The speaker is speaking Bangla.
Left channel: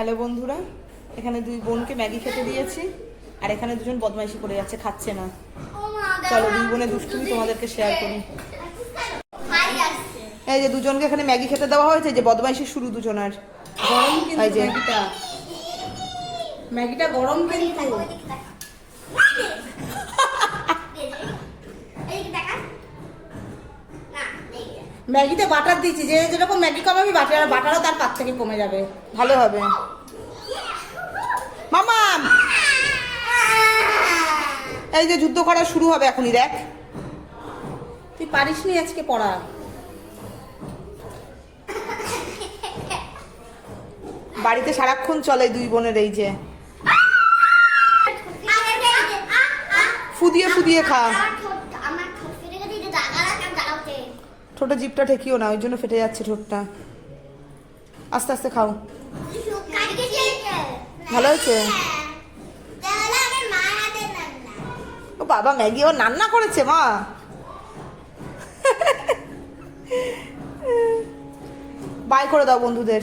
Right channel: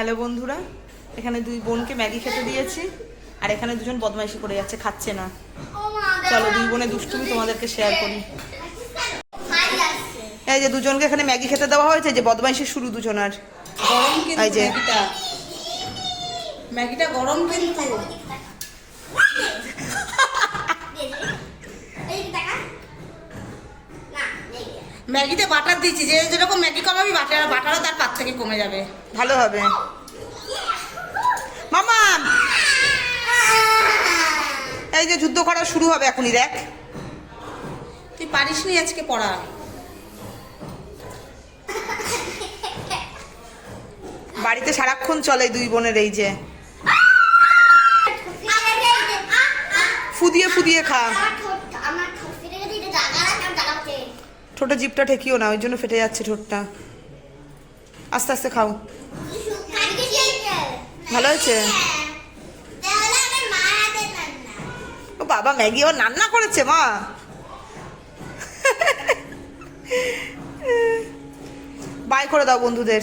হ্যালো বন্ধুরা, এখানে দুই বোনকে ম্যাগি খেতে দিয়েছি আর এখানে দুজন বদমাইশি করে যাচ্ছে, খাচ্ছে না। চলো দুই বোনে দুষ্টুমি তোমাদেরকে শেয়ার করি। এই যে দুজনকে এখানে ম্যাগি খেতে দেওয়া হয়েছে, যে বদমাইশি শুরু দুজনার। গরম কিন্তু এই যে ম্যাগিটা গরম কিন্তু ম্যাগিতে বাটার দিচ্ছি, যে যেরকম ম্যাগি কমাবি বাটারও তার পাত থেকে কমে যাবে, ভালো হবে। মামা এই যে যুদ্ধ করা শুরু হবে এখনই, দেখ। তুই পারিস নি আজকে পড়া। বাড়িতে সারাক্ষণ চলে দুই বোনের এই যে ফুদিয়ে ফুদিয়ে খা। ঠোঁটে জিপটা ঠেকিও না, ওই জন্য ফেটে যাচ্ছে ঠোঁটটা। আস্তে আস্তে খাও। ভালো হয়েছে। ও বাবা, ম্যাগি ও রান্না করেছে মা। বাই করে দাও বন্ধুদের।